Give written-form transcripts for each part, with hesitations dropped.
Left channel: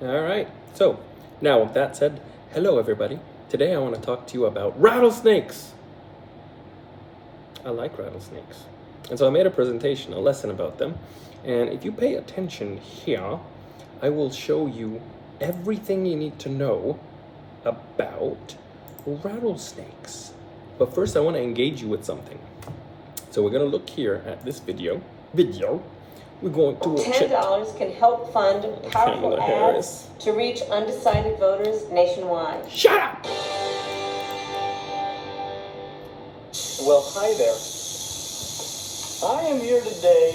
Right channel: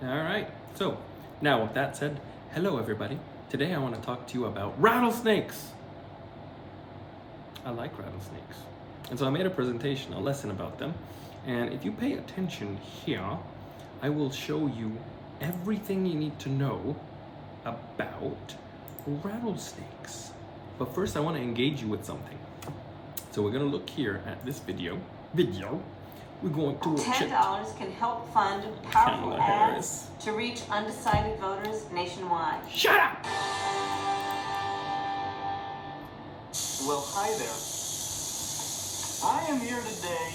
All right. So, now with that said, hello everybody. Today I want to talk to you about rattlesnakes. I like rattlesnakes. And so I made a presentation, a lesson about them. And if you pay attention here, I will show you everything you need to know about rattlesnakes. But first I want to engage you with something. So we're going to look here at this video. We're going to $10 can help fund powerful Kamala ads Harris. to reach undecided voters nationwide. Shut up! Well, hi there. I am here today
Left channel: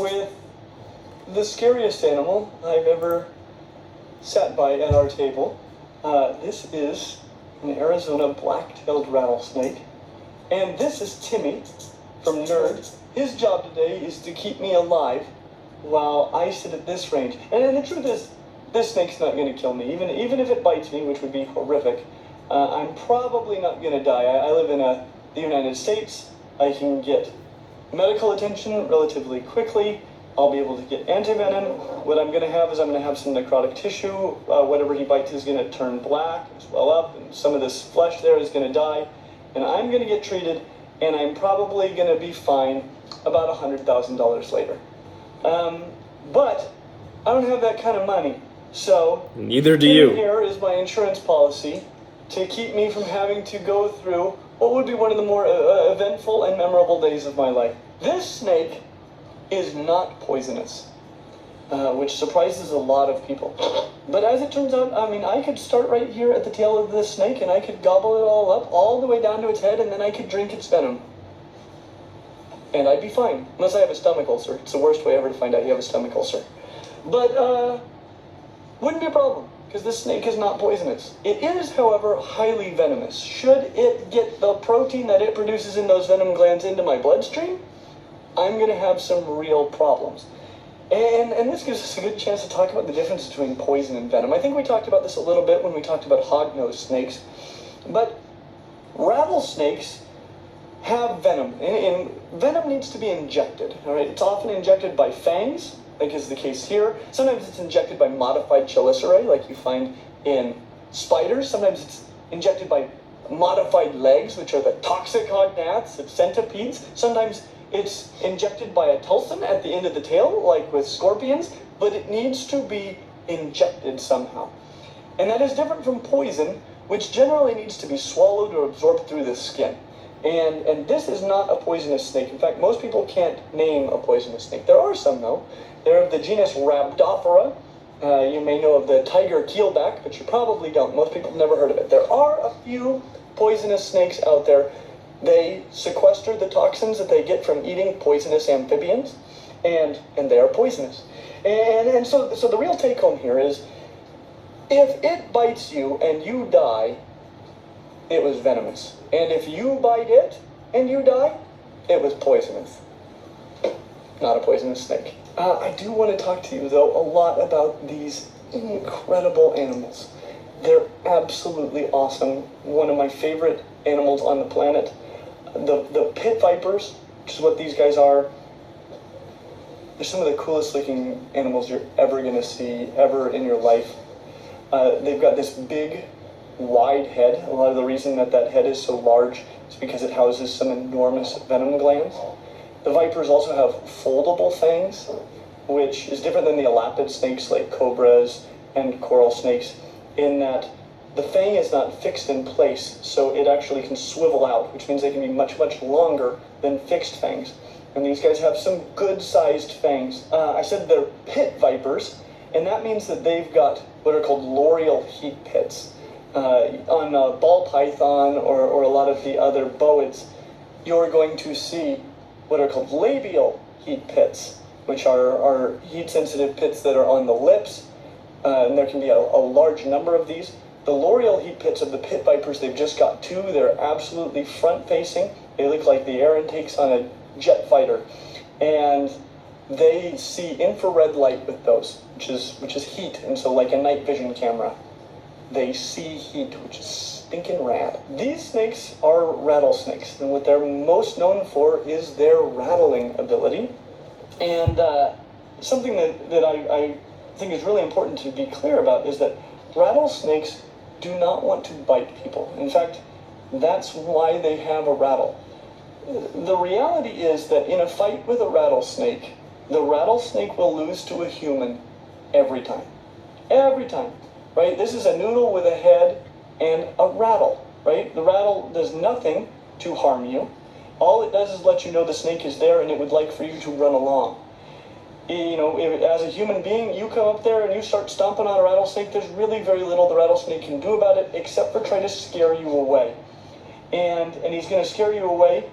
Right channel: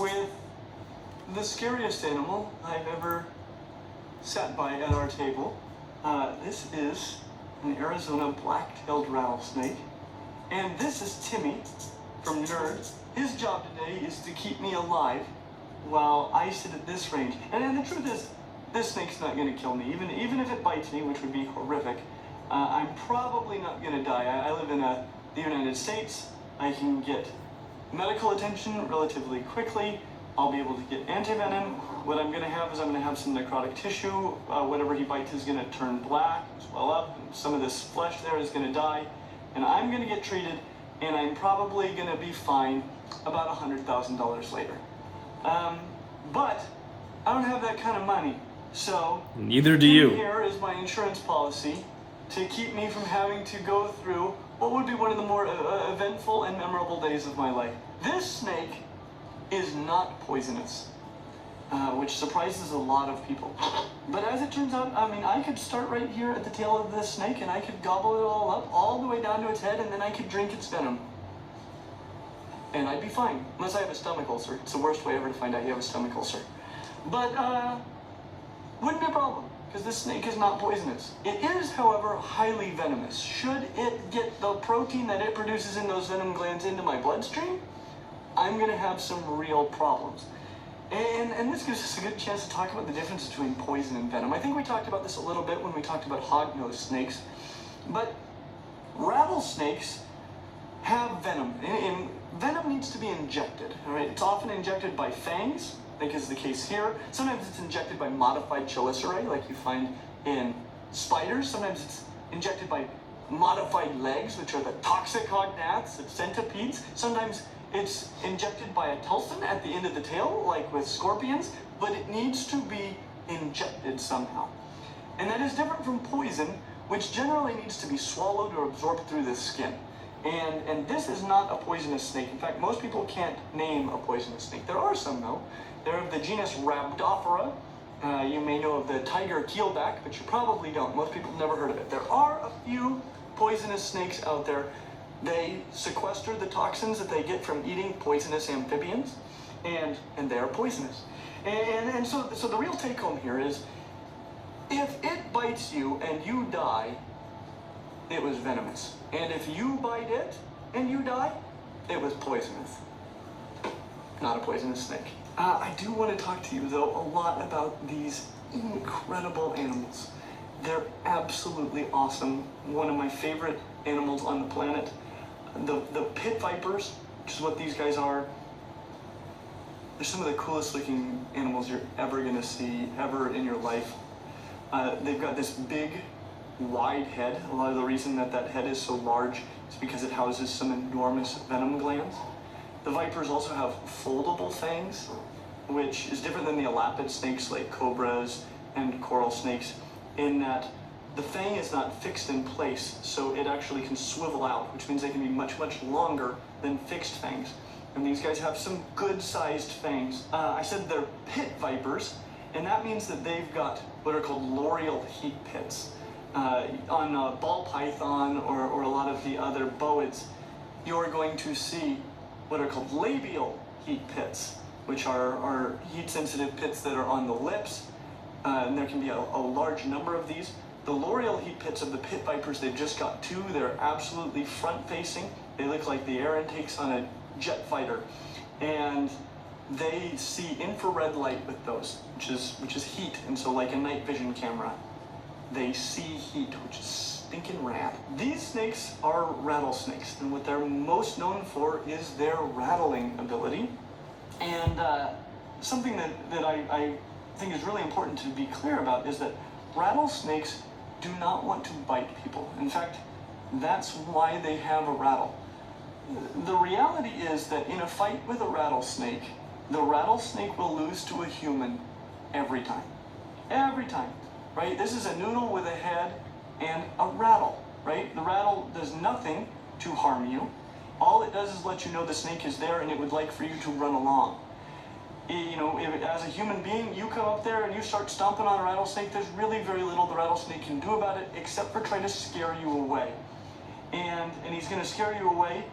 with the scariest animal I've ever sat by at our table. This is an Arizona black-tailed rattlesnake. And this is Timmy from Nerd. His job today is to keep me alive while I sit at this range. And the truth is, this snake's not going to kill me. Even if it bites me, which would be horrific, I'm probably not going to die. I live in the United States. I can get medical attention relatively quickly. I'll be able to get antivenom. What I'm going to have is I'm going to have some necrotic tissue. Whatever he bites is going to turn black, swell up, and some of this flesh there is going to die. And I'm going to get treated, and I'm probably going to be fine about $100,000 later. But I don't have that kind of money. So neither do you. Here is my insurance policy to keep me from having to go through what would be one of the more eventful and memorable days of my life. This snake is not poisonous, which surprises a lot of people. But as it turns out, I mean, I could start right here at the tail of this snake and I could gobble it all up, all the way down to its head, and then I could drink its venom. And I'd be fine, unless I have a stomach ulcer. It's the worst way ever to find out you have a stomach ulcer. But, wouldn't be a problem, because this snake is not poisonous. It is, however, highly venomous. Should it get the protein that it produces in those venom glands into my bloodstream, I'm going to have some real problems. And this gives us a good chance to talk about the difference between poison and venom. I think we talked about this a little bit when we talked about hognose snakes. But rattlesnakes have venom, and venom needs to be injected. All right, it's often injected by fangs, like is the case here. Sometimes it's injected by modified chelicerae, like you find in spiders. Sometimes it's injected by modified legs, which are the toxic cognaths of centipedes. Sometimes it's injected by a telson at the end of the tail, like with scorpions, but it needs to be injected somehow. And that is different from poison, which generally needs to be swallowed or absorbed through the skin. And this is not a poisonous snake. In fact, most people can't name a poisonous snake. There are some, though. They're of the genus Rhabdophora. You may know of the tiger keelback, but you probably don't. Most people have never heard of it. There are a few poisonous snakes out there. They sequester the toxins that they get from eating poisonous amphibians, and they are poisonous. And so the real take home here is, if it bites you and you die, it was venomous. And if you bite it and you die, it was poisonous. Not a poisonous snake. I do want to talk to you, though, a lot about these incredible animals. They're absolutely awesome. One of my favorite animals on the planet. The pit vipers, which is what these guys are, they're some of the coolest looking animals you're ever going to see, ever in your life. They've got this big, wide head. A lot of the reason that head is so large is because it houses some enormous venom glands. The vipers also have foldable fangs, which is different than the elapid snakes like cobras and coral snakes, in that the fang is not fixed in place, so it actually can swivel out, which means they can be much, much longer than fixed fangs. And these guys have some good-sized fangs. I said they're pit vipers, and that means that they've got what are called loreal heat pits. On a ball python or a lot of the other boids, you're going to see what are called labial heat pits, which are heat-sensitive pits that are on the lips, and there can be a large number of these. The loreal heat pits of the pit vipers, they've just got two. They're absolutely front-facing. They look like the air intakes on a jet fighter, and they see infrared light with those, which is heat, and so like a night vision camera, they see heat, which is stinking rad. These snakes are rattlesnakes, and what they're most known for is their rattling ability. And something that I think is really important to be clear about is that rattlesnakes do not want to bite people. In fact, that's why they have a rattle. The reality is that in a fight with a rattlesnake, the rattlesnake will lose to a human every time. Every time, right? This is a noodle with a head and a rattle, right? The rattle does nothing to harm you. All it does is let you know the snake is there and it would like for you to run along. You know, as a human being, you come up there and you start stomping on a rattlesnake, there's really very little the rattlesnake can do about it except for try to scare you away. And he's going to scare you away.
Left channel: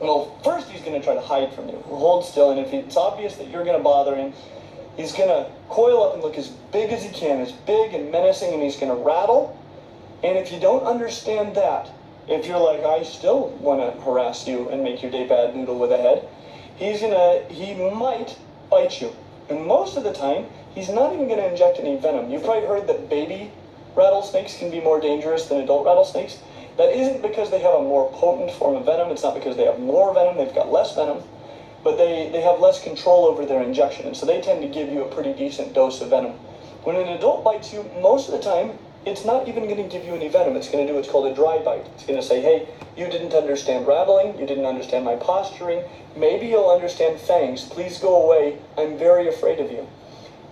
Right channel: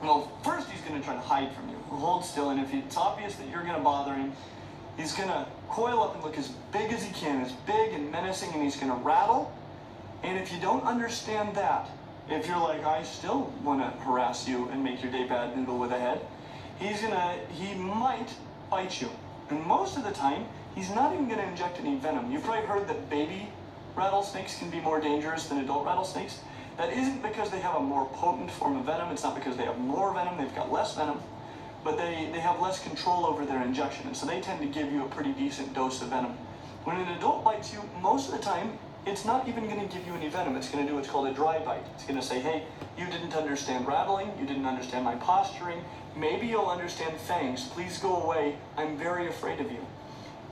Well, first he's going to try to hide from you. Hold still, and if it's obvious that you're going to bother him, he's going to coil up and look as big as he can, as big and menacing, and he's going to rattle. And if you don't understand that, if you're like, I still want to harass you and make your day bad, noodle with a head, he might bite you. And most of the time, he's not even going to inject any venom. You've probably heard that baby rattlesnakes can be more dangerous than adult rattlesnakes. That isn't because they have a more potent form of venom. It's not because they have more venom. They've got less venom. But they have less control over their injection. And so they tend to give you a pretty decent dose of venom. When an adult bites you, most of the time, it's not even going to give you any venom. It's going to do what's called a dry bite. It's going to say, hey, you didn't understand rattling. You didn't understand my posturing. Maybe you'll understand fangs. Please go away. I'm very afraid of you.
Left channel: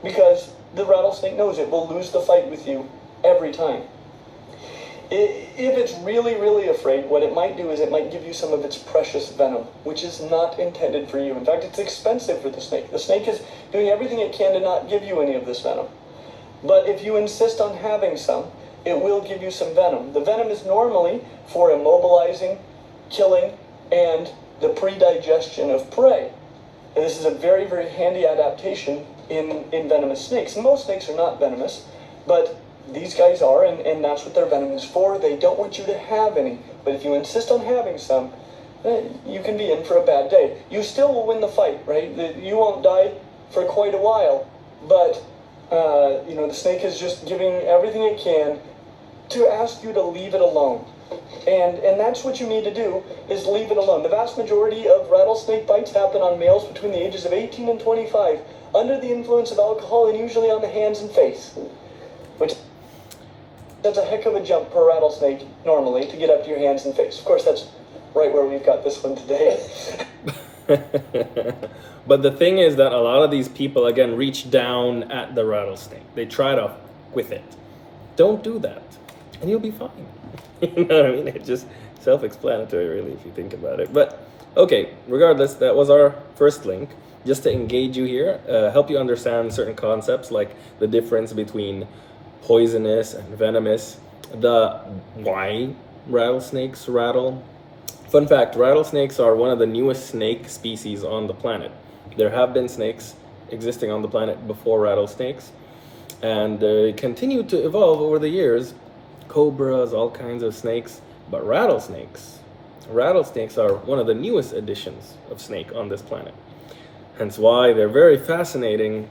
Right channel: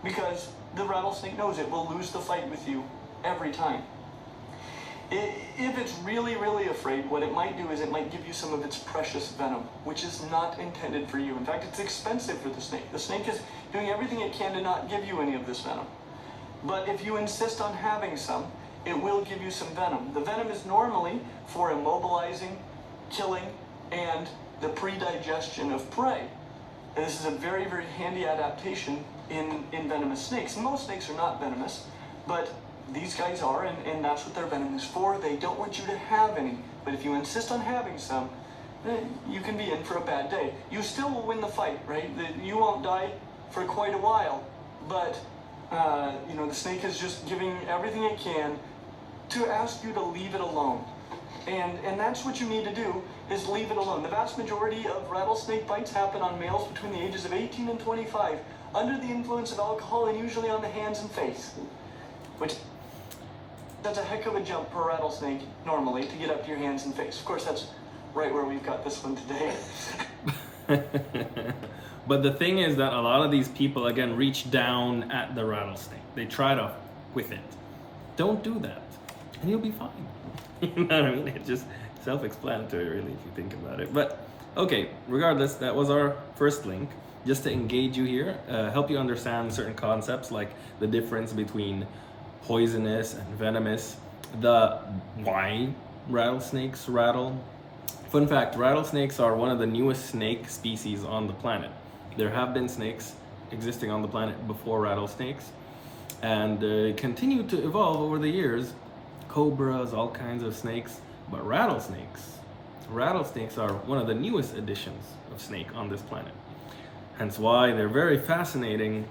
Because the rattlesnake knows it will lose the fight with you every time. If it's really, really afraid, what it might do is it might give you some of its precious venom, which is not intended for you. In fact, it's expensive for the snake. The snake is doing everything it can to not give you any of this venom. But if you insist on having some, it will give you some venom. The venom is normally for immobilizing, killing, and the pre-digestion of prey. And this is a very, very handy adaptation in venomous snakes. Most snakes are not venomous, but these guys are, and that's what their venom is for. They don't want you to have any. But if you insist on having some, you can be in for a bad day. You still will win the fight, right? You won't die for quite a while, but the snake is just giving everything it can to ask you to leave it alone. And that's what you need to do, is leave it alone. The vast majority of rattlesnake bites happen on males between the ages of 18 and 25, under the influence of alcohol and usually on the hands and face, which that's a heck of a jump per rattlesnake normally to get up to your hands and face. Of course, that's right where we've got this one today. But the thing is that a lot of these people, again, reach down at the rattlesnake. They try to with it. Don't do that, and you'll be fine. You know what I mean? It's just self-explanatory, really, if you think about it. But, okay, regardless, that was our first link, just to engage you here, help you understand certain concepts, like the difference between poisonous and venomous, the why rattlesnakes rattle. Fun fact, rattlesnakes are one of the newest snake species on the planet. There have been snakes existing on the planet before rattlesnakes, and they continue to evolve over the years. Cobras, all kinds of snakes, but rattlesnakes are one of the newest additions of snake on this planet. Hence why they're very fascinating,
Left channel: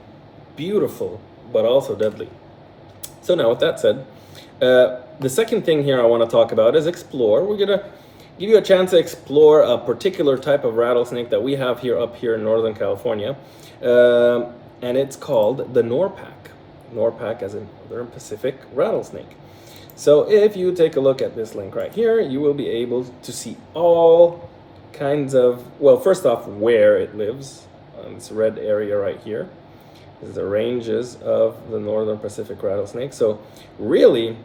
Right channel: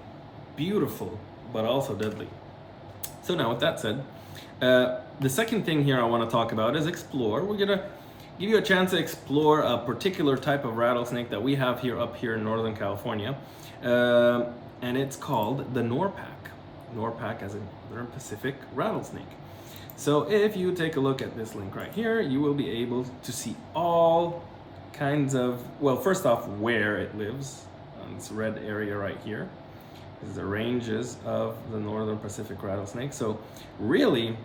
beautiful, but also deadly. So now with that said, the second thing here I want to talk about is explore. We're going to give you a chance to explore a particular type of rattlesnake that we have up here in Northern California. And it's called the Norpack. Norpack as in Northern Pacific rattlesnake. So if you take a look at this link right here, you will be able to see all kinds of, well, first off, where it lives. This red area right here is the ranges of the Northern Pacific rattlesnake. So really,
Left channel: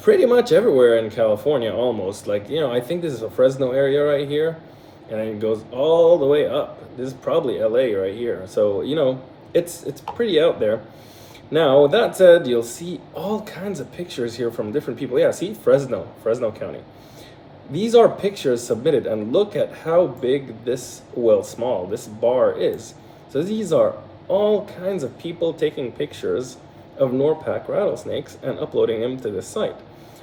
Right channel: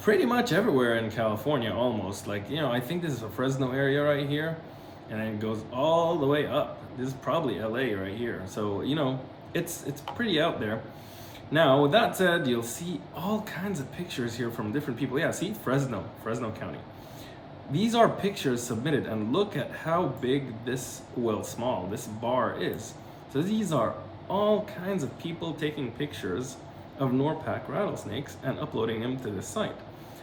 pretty much everywhere in California, almost. Like, I think this is a Fresno area right here, and it goes all the way up. This is probably LA right here. So, it's pretty out there. Now, with that said, you'll see all kinds of pictures here from different people. Yeah, see, Fresno County. These are pictures submitted, and look at how big this bar is. So these are all kinds of people taking pictures of Norpack rattlesnakes and uploading them to this site.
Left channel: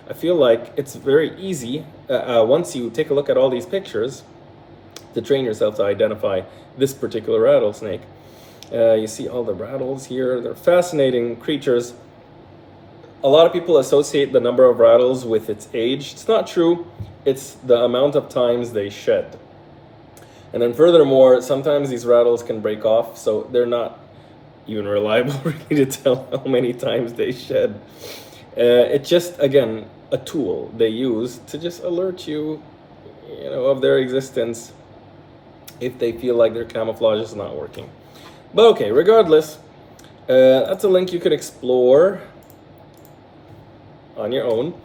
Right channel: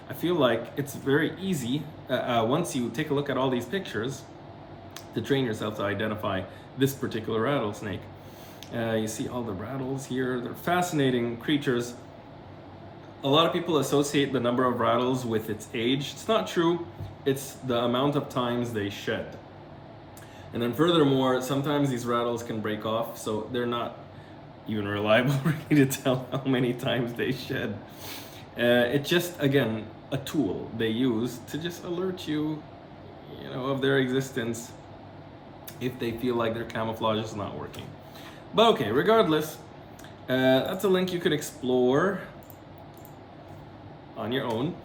I feel like it's very easy, once you take a look at all these pictures, to train yourself to identify this particular rattlesnake. You see all the rattles here. They're fascinating creatures. A lot of people associate the number of rattles with its age. It's not true. It's the amount of times they shed. And then furthermore, sometimes these rattles can break off, so they're not even reliable really to tell how many times they shed. It's just, again, a tool they use to just alert you, of their existence if they feel like their camouflage is not working. But okay, regardless, that's a link you could explore on your own.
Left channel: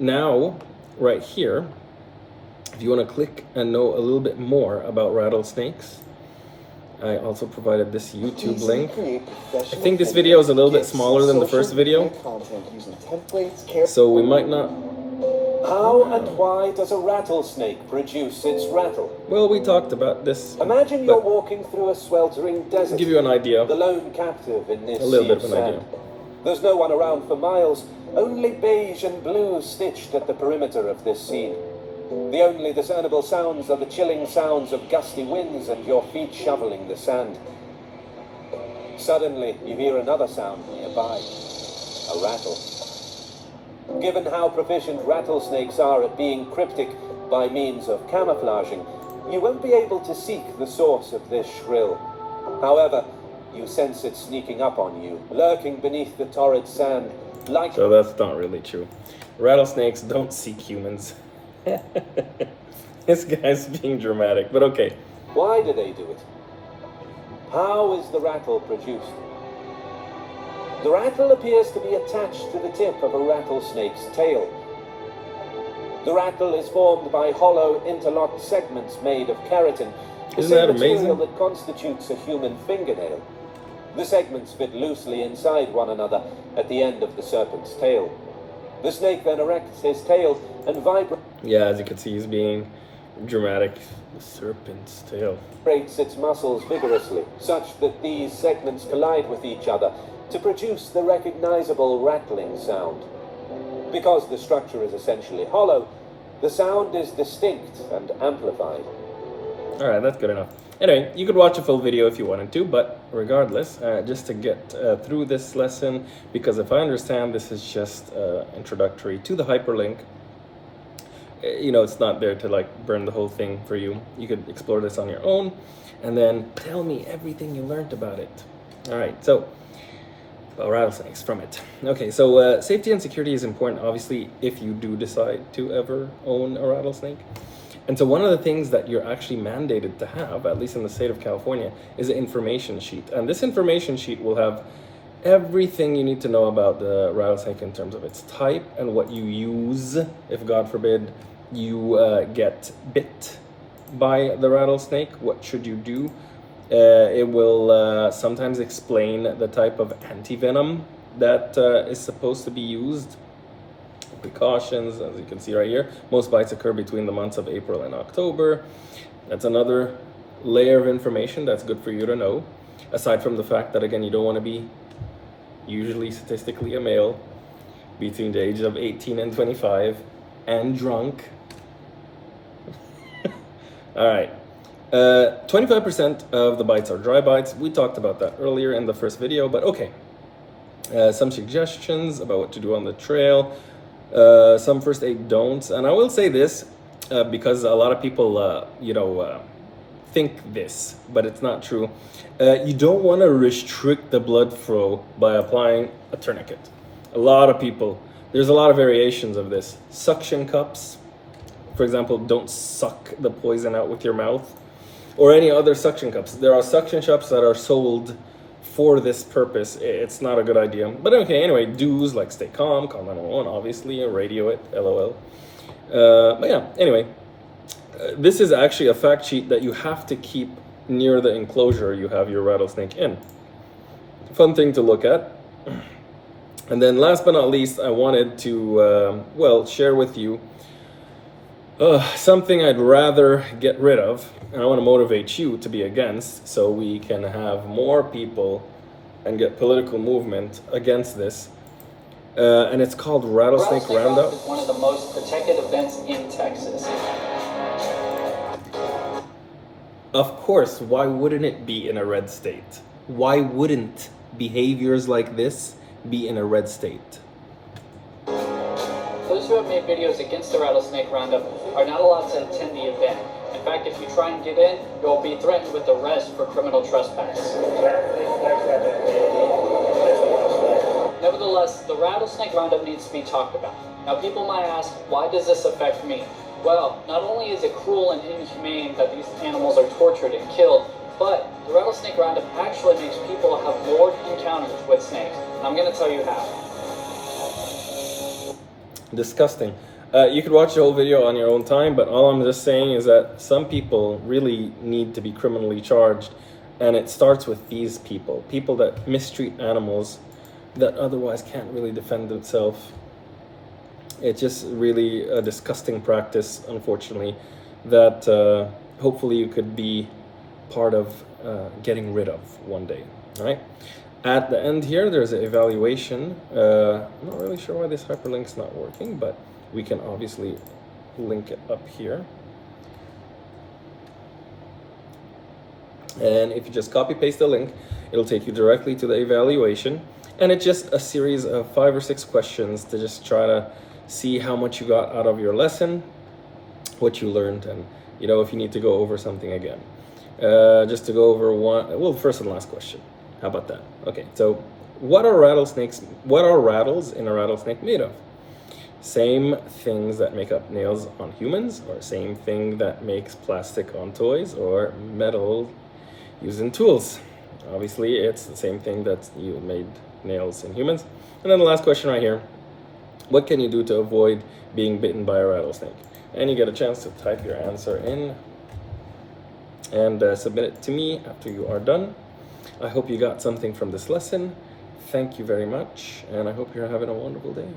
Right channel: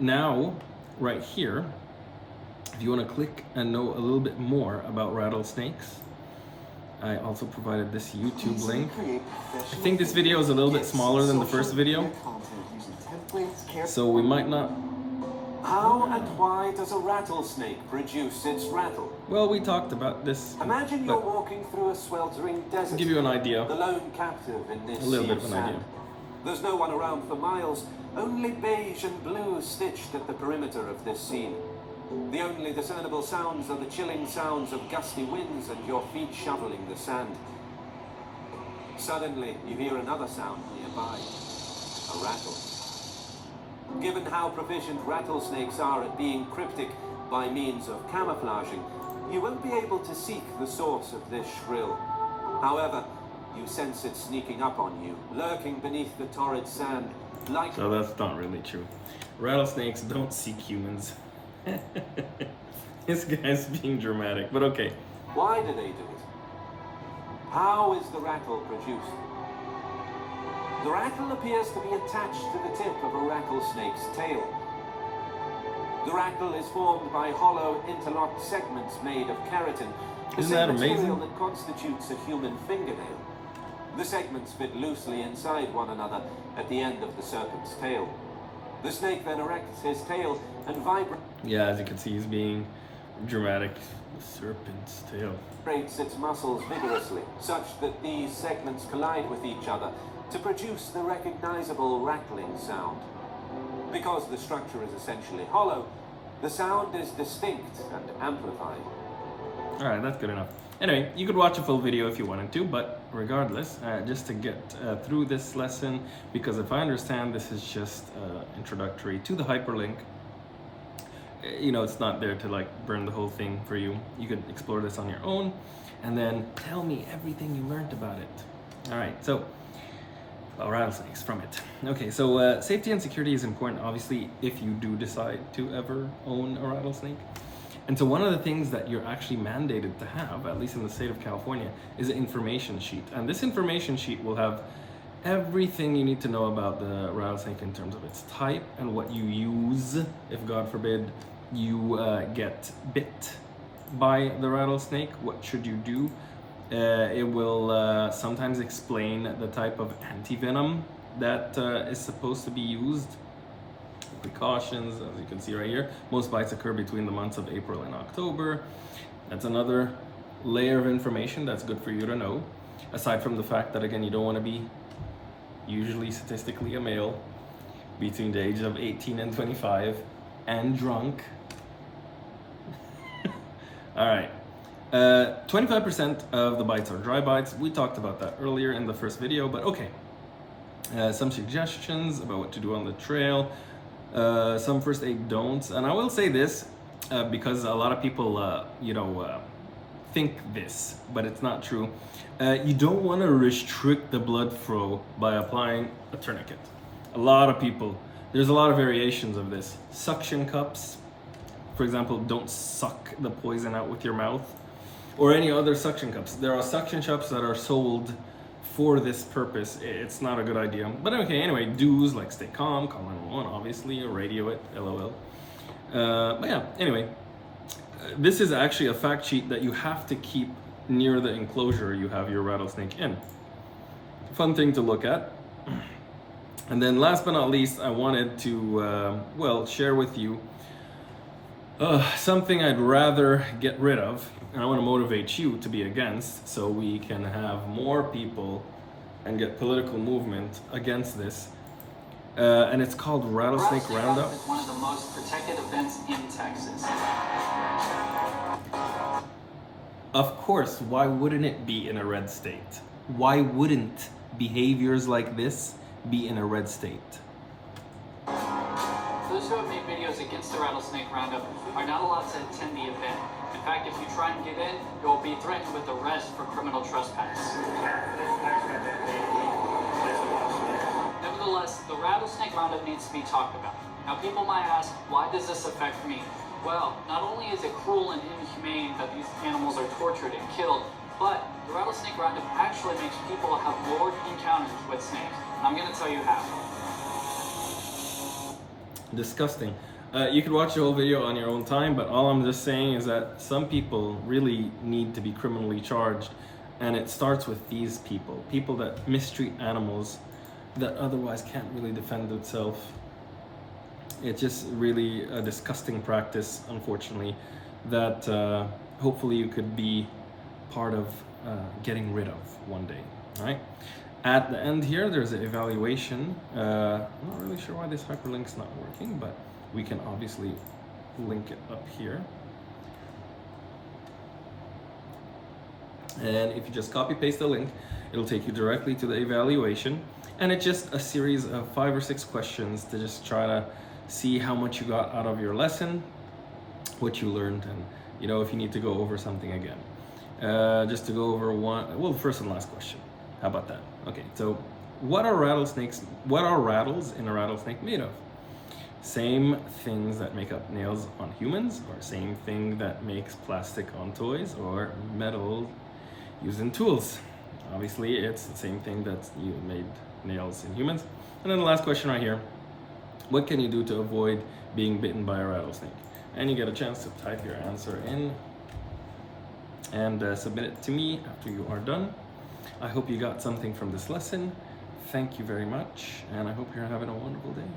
Now, right here, if you want to click and know a little bit more about rattlesnakes, I also provided this YouTube link. I think this video is a little bit smaller than the first video, so we might not... How and why does a rattlesnake produce its rattle? Well, we talked about this. Imagine you're walking through a sweltering desert. Give you an idea. The lone captive in this A little sea bit of an sand. idea. There's no one around for miles, only beige and blue stitched at the perimeter of this scene. The only discernible sounds are the chilling sounds of gusty winds and your feet shoveling the sand. Suddenly, you hear another sound nearby, a rattle. Given how proficient rattlesnakes are at being cryptic by means of camouflaging, you won't be able to seek the source of this shrill. However, you sense it sneaking up on you, lurking beneath the torrid sand, like... So that's not really true. Rattlesnakes don't seek humans. This guy's being dramatic, but okay. Why do they do it? How is the rattle produced? The rattle appears to be attached to the tip of a rattlesnake's tail. The rattle is formed by hollow, interlocked segments made of keratin, the Isn't that same material amazing? that constitutes a human fingernail. The segments fit loosely inside one another at the end of the serpent's tail. The snake then erects his tail and vibrates Yeah, as you can see, he's being dramatic. The serpent's tail. its muscles vigorously, such that these segments collide with each other to produce the recognizable rattling sound. Because the structure is essentially hollow, the sound is distinct and amplified. Alright, that's good enough. Anyway, you could watch a full video if you wanted to, but regardless, just to get through this lesson, because if I understand, this is just introductory to the hyperlink. It's not there to like burn the whole thing for you. You could explore this on your own, and then tell me everything you learned about it. Alright, so... well, rattlesnakes from it. Okay, so safety and security is important, obviously, if you do decide to ever own a rattlesnake. And so one of the things that you're actually mandated to have, at least in the state of California, is an information sheet. And this information sheet will have everything you need to know about the rattlesnake in terms of its type and what you use if, God forbid, you get bit by the rattlesnake. What should you do? It will sometimes explain the type of antivenom that is supposed to be used. Precautions, as you can see right here. Most bites occur between the months of April and October. That's another layer of information that's good for you to know. Aside from the fact that, again, you don't want to be, usually statistically, a male between the age of 18 and 25 and drunk. All right. 25% of the bites are dry bites. We talked about that earlier in the first video, but okay. Some suggestions about what to do on the trail. Some first aid don'ts. And I will say this, because a lot of people, think this, but it's not true. You don't want to restrict the blood flow by applying a tourniquet. A lot of people, there's a lot of variations of this. Suction cups, for example, don't suck the poison out with your mouth. Or any other suction cups. There are suction cups that are sold for this purpose. It's not a good idea. But okay, anyway, do's like stay calm, call 911, obviously, radio it, LOL. But yeah, anyway, this is actually a fact sheet that you have to keep near the enclosure you have your rattlesnake in. Fun thing to look at. And then last but not least, I wanted to, share with you something I'd rather get rid of. And I want to motivate you to be against, so we can have more people and get political movement against this. And it's called Rattlesnake Roundup. Is one of the most protected events in Texas. Of course, why wouldn't it be in a red state? Why wouldn't behaviors like this be in a red state? Those who have made videos against the Rattlesnake Roundup are not allowed to attend the event. In fact, if you try and get in, you'll be threatened with arrest for criminal trespass. Nevertheless, the rattlesnake roundup needs to be talked about. Now, people might ask, why does this affect me? Well, not only is it cruel and inhumane that these animals are tortured and killed, but the rattlesnake roundup actually makes people have more encounters with snakes. And I'm going to tell you how. Disgusting. You could watch the whole video on your own time, but all I'm just saying is that some people really need to be criminally charged, and it starts with these people that mistreat animals that otherwise can't really defend themselves. It's just really a disgusting practice, unfortunately, that hopefully you could be part of getting rid of one day, right? At the end here, there's an evaluation. I'm not really sure why this hyperlink's not working, but we can obviously link it up here. And if you just copy paste the link, it'll take you directly to the evaluation. And it's just a series of 5 or 6 questions to just try to see how much you got out of your lesson, what you learned, and if you need to go over something again. Just to go over first and last question. How about that? Okay, so what are rattles in a rattlesnake made of? Same things that make up nails on humans, or same thing that makes plastic on toys, or metal used in tools. Obviously, it's the same thing that you made nails in humans. And then the last question right here, what can you do to avoid being bitten by a rattlesnake? And you get a chance to type your answer in and submit it to me after you are done. I hope you got something from this lesson. Thank you very much, and I hope you're having a wonderful day.